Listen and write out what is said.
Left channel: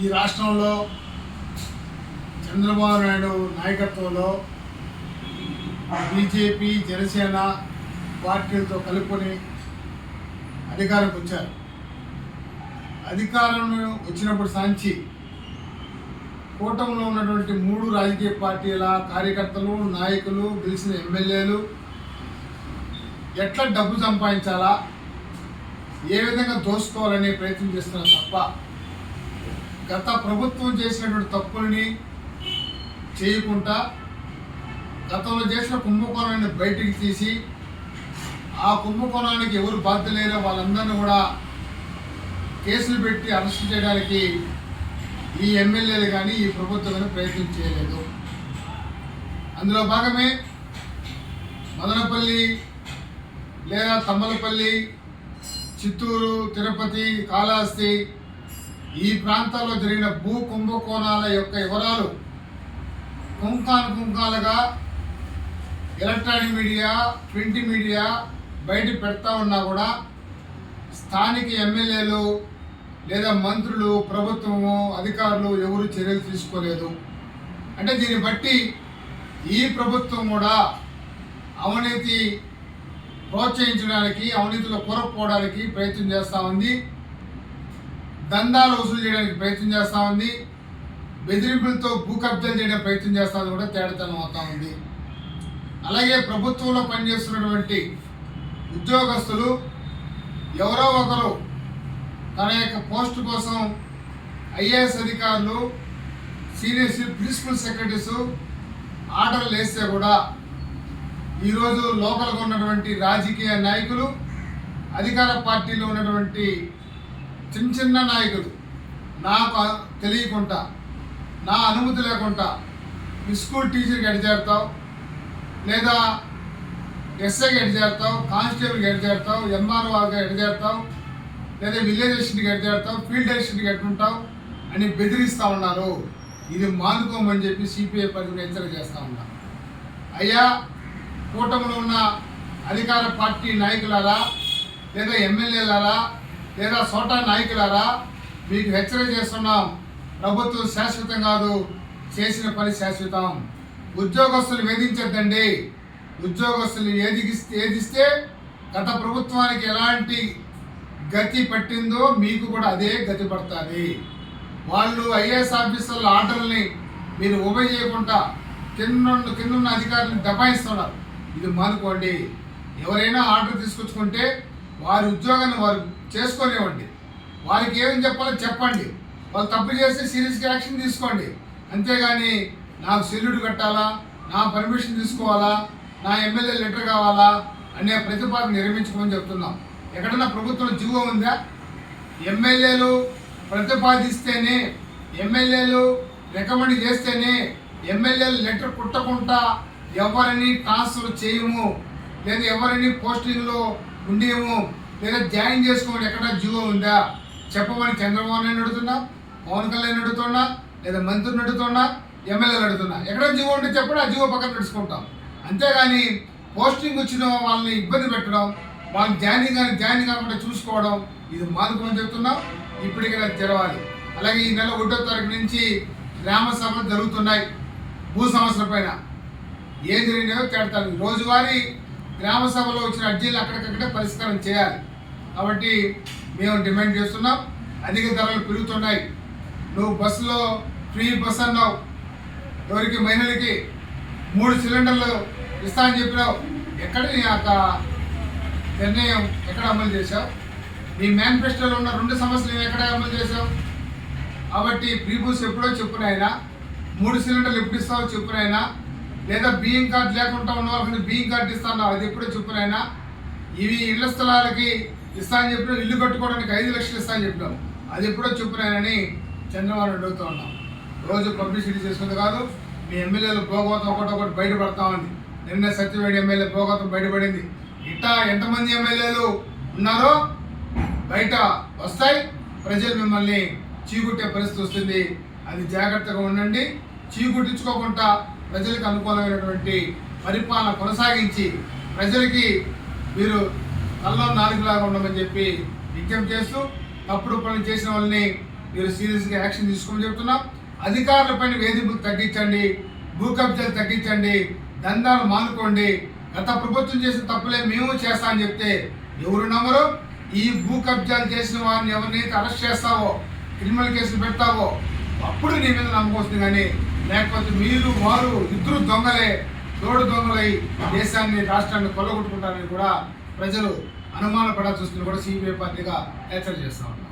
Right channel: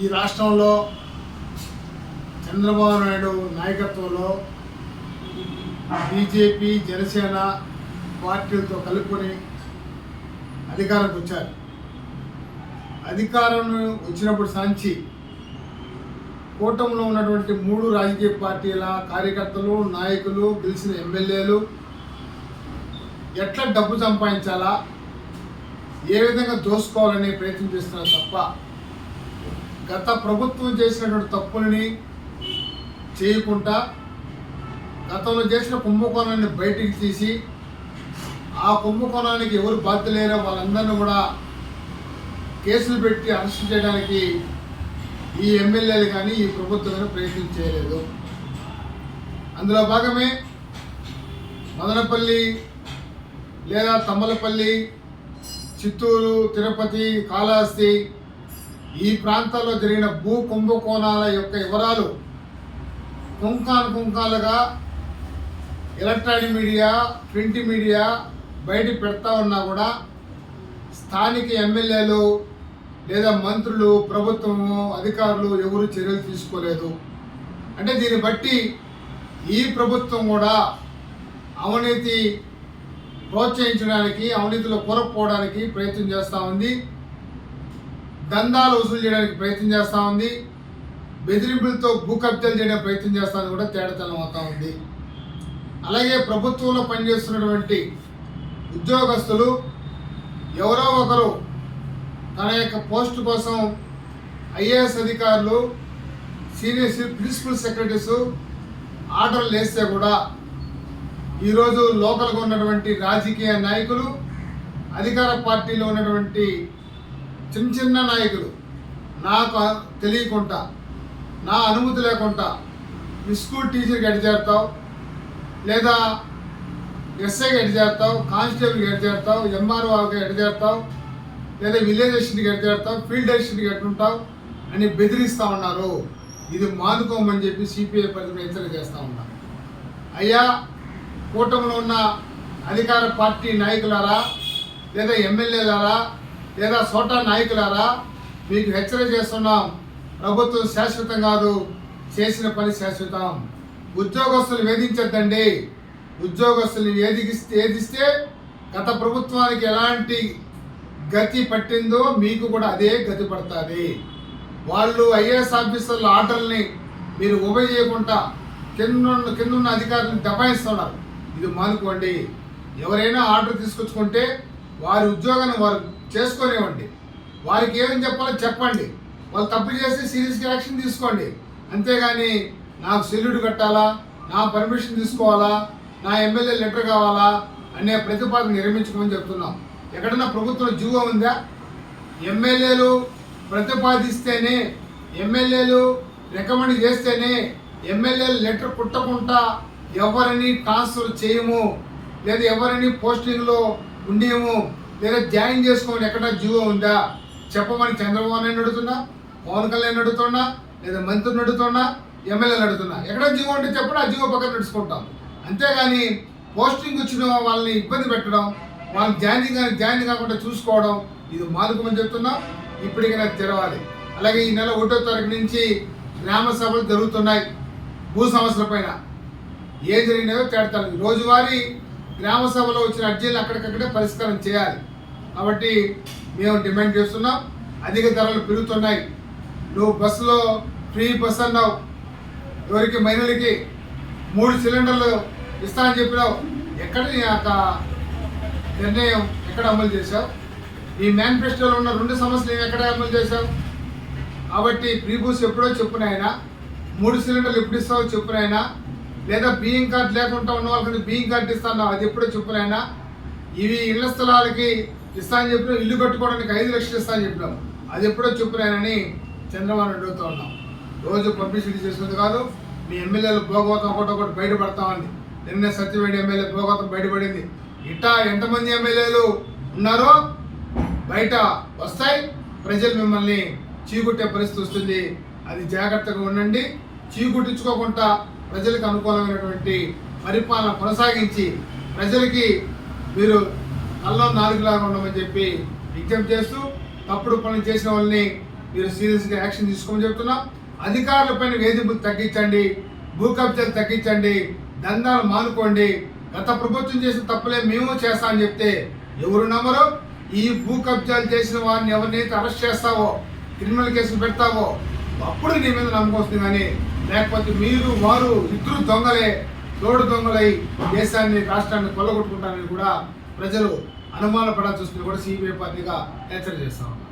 ఈ రాష్ట్రంలో చంద్రబాబు నాయుడు నాయకత్వంలో బీజేపీ జనసేన పార్టీలతో కలుపుకొని అధికారంకి వచ్చారు. అధికారం వచ్చినప్పుడు సాంచి కూటమిలో ఉన్నటువంటి మూడు రాజకీయ పార్టీల కార్యకర్తలు నాయకులు గెలిచిన ఎమ్మెల్యేలు ఎట్లా డబ్బు సంపాదించాలా ఏ విధంగా దోసుకోవాలనే ప్రయత్నం చేస్తున్నారు తప్ప గత ప్రభుత్వం చేసినటువంటి తప్పులని చేయకుండా గతంలో చేసిన కుంభకోణాన్ని బయటికి తీసి ఆ కుంభకోణానికి ఎవరు బాధ్యత లేరో వాళ్ళందరినీ కూడా కేసులు పెట్టి అరెస్ట్ చేయడానికి ఈ ఎమ్మెల్యేలు కానీ ఈ ప్రభుత్వం కానీ ప్రయత్నం చేయలేదు. అందులో భాగమే మదనపల్లి లేదా తమ్మలపల్లి చిత్తూరు తిరుపతి కాళహస్తి ఈ ప్రాంతాల్లో జరిగిన భూ కుంభకోణాల యొక్క వివరాలు కుంకాను కుంకాలుగా ఎలక్ట్రానిక్ మీడియా ప్రింట్ మీడియా బయట పెడతా ఉన్నా కూడా స్థానిక ఎమ్మెల్యేలు లేదా మంత్రులు ప్రభుత్వము అధికారులు ఎవరు చర్యలు తీసుకోలేదు. అంటే దీన్ని బట్టి ఈ ప్రభుత్వం కూడా అవినీతి ప్రోత్సహించడానికి అవినీతిలో కూరకపోవడానికి ప్రయత్నం చేస్తూ ఉంది. దందాలు వసూలు చేయడానికి ప్రయత్నం చేస్తూ ఉంది. బెదిరింపులతో భూ కబ్జాలు చేయడానికి ప్రయత్నం చేస్తూ ఉంది కూడా తేడాతనం అవుతూ ఉంది. అలాగే ప్రభుత్వంలో పనిచేస్తున్నటువంటి ఉద్యోగస్తులు ఎవరో ఒకరు తన యొక్క పోస్టు కోసం ఐఏఎస్ అధికారులు సీనియర్స్ ప్రిన్సిపల్ సెక్రటరీస్ ఆర్డర్లు వేస్తే కూడా ఈరోజు లోకల్గా ఉన్నటువంటి రాజకీయ నాయకులు అధికార పార్టీలో ఉన్నటువంటి చిన్న చిన్న నాయకులు. నాకు తెలియకుండా నా అనుమతి లేకుండా మీ స్కూల్ టీచర్కి ఎడ్ లేదా ఎస్ఐకి ఎడ్ చేస్తావు కానిస్టేబుల్కి ఎడ్ చేస్తావు ఎంఆర్ఓకి ఎడ్ లేదా విలేజ్ అసిస్టెంట్కి ఎడ్ చేస్తావు ఫీల్డ్ అసిస్టెంట్కి ఎట్టుంటావు అని బెదిరిస్తూ ఉన్నారు. ఇది మానుకోమని చెప్పి సిపిఐ పరిధిని హెచ్చరిక చేస్తూ ఉన్నారు అయ్యా కూటమిలో ఉన్న అధికార పార్టీ నాయకులారా లేదా ఎమ్మెల్యేలారా లేదా సోటా నాయకులారా మీకు హెచ్చరిక చేస్తున్నాం. ప్రభుత్వం శాశ్వతం కాదు చేసిన పని శాశ్వతం. ఉద్యోగస్తులు వేధించద్దండి. ఉద్యోగస్తులు ఏదిగిస్తే ఏదిస్తే గత ప్రభుత్వానికి ఎలాంటి గతి పట్టిందో మీకు కూడా అదే గతి పడుతుంది. వాళ్ళు ఐఏఎస్ ఆఫీసర్ల ఆర్డర్ని మీరు ఉభయ చేయకుండా కింద కింద ఉన్న అధికారులను దబాయిస్తున్నారు. ఇది మానుకోండి. ఎవరైనా ఆర్డర్ తీసుకొచ్చుకుంటే వారి ఉద్యోగాన్ని వారు చేసుకునేవ్వండి. వారికి ఏమని చెప్పాలో చెప్పండి. వాళ్ళు తప్పు చేస్తే సీరియస్గా యాక్షన్ తీసుకోండి. అంతేగాని నాకు సెల్యూడ్ కట్టాలా? నా పర్మిషన్ తీసుకోవాలా? నా ఎమ్మెల్యే లెటర్ కావాలా? అనే ప్రతిపాదన నిర్మించుకోమని చెప్తున్నాం. ఎక్కడన్నా ప్రభుత్వం జీవో ఉందా? ఎమ్మెల్యేలు ప్రతిపాదిస్తేనే ఎమ్మెల్యేలు రికమెండ్ చేస్తేనే ఎమ్మెల్యేలు లెటర్ కుట్టకుండా ఎవరిని ట్రాన్స్ఫర్ చేయము? లేదా ఎవరిని పోస్టింగ్లో ఉండేమో లేదా జాయిన్ చేసుకోండి. ఎక్కడ జీవో ఉందా? చెప్పమని చంద్రబాబు నాయుడు అడుగుతున్నా పవన్ కళ్యాణ్ అడుగుతున్నా లేదా మంత్రిని అడుగుతున్నా ఎమ్మెల్యేలు అడుగుతున్నా ఎక్కడ జీవో ఉంటే చెప్పడం ఆ జీవో పక్కన నడుచుకుంటాం. అంతేగాని పోస్టింగ్ వచ్చిన వాళ్ళని ఇబ్బంది పెట్టడం వాళ్ళని జాయిన్ కానీ జాయిన్ కాకుండా చూసుకోవడం ఇది మానుకోమని చెప్తున్నాం. ఇప్పటికైనా తెరవాలి. అలాగే ఈ నెల ఒకటో తారీఖు నుంచి గ్రామ సభలు జరుగుతున్నాయి. భూ సమస్యల పైన. ఏం జరిగినాయో తేడతాను రోజువారీ గ్రామ సభలో వచ్చిన అర్జీలు అక్కడికక్కడే పరిష్కారం చేయాలి. కాబట్టి మేము డిమాండ్ చేస్తున్నాం. అధిక ధరలు పెరుగుతున్నాయి. నువ్వు బస్సులో ఫ్రీ బస్ అన్నావు. ఎవరికి మహిళలకి మూడు సిలిండర్లు ఇస్తా అని చెప్పినావు. ఎక్కడ నీ యొక్క నిర్ణయం ఎక్కడ అమలు చేశావు? నీ మేనిఫెస్టోలో ఉన్న రెండు సమస్యలు నేను ఎక్కడ అమలు చేశావు? కాబట్టి ప్రీబూస్ ఎప్పుడో చెప్పునైనా మూడు సిలిండర్లు ఎప్పుడు ఇస్తావో చెప్పునైనా లేదా బియ్యం కార్డు లేకుండా ఉన్న వాళ్ళకి బియ్యం కార్డు ఇస్తాను అది ఎప్పుడో చెప్పునైనా ఇవి ఇళ్ళ స్థలాలకి ఇస్తా అని చెప్పిన ఇల్లు కట్టుకోవడానికి ఐదు లక్షలు ఇస్తా అని చెప్పినాం అది ఎప్పుడో చెప్పినాయనని చంద్రబాబు అడుగుతూ ఉన్నాం. రోజు పబ్లిసిటీ చేస్తుంది కాదు మీ ఎమ్మెల్యేలు పోగోతం ఒకటి ఒకటి బయటపడతా ఉంది. నిన్న సత్యవేడి ఎమ్మెల్యే పోగోతం బయటపడింది. ఇట్టా ఎంతమంది ఎమ్మెల్యేలు ఉన్నారో బయట వస్తాయి ప్రజలు మిమ్మల్ని చీకుట్టే పరిస్థితి వస్తుంది. అది జాగ్రత్తగా ఉండండి చీకుట్టించుకోకుండా ప్రజలకు అనుకూలమైనటువంటి పరిపాలన కొనసాగించి ప్రజలకి మీరు కల్లో నాలుగులాగా ఉండమని చెప్పి విజ్ఞప్తి చేస్తూ తప్పుడు పనులు చేసిన వాళ్ళని మీరు సీరియస్గా యాక్షన్ తీసుకోమని చెప్తున్నాం. అధికారులపైన వేధింపులు తగ్గించండి భూ కబ్జాలు తగ్గించండి దందాలు మానుకోండి. గత ప్రభుత్వం చేసిన తప్పులే మేము చేస్తా అని చెప్తే ఎవరు నమ్మరు? ఈ భూ కబ్జాలు చేసిన వారిని ఎవరినైతే అరెస్ట్ చేస్తావో క్రిమినల్ కేసులు పెడతావో అప్పుడు నీ మీద నమ్మకం వస్తుంది కానీ లేకపోతే మీరు వారు ఇద్దరు దొంగలే తోడు దొంగలై దేశాన్ని రాష్ట్రాన్ని కొల్లగొట్టుకుంటారని కూడా ప్రజలు అనుమానపడాల్సి వస్తుంది కూడా సిబిఐ పార్టీగా హెచ్చరిక చేస్తా ఉన్నారు.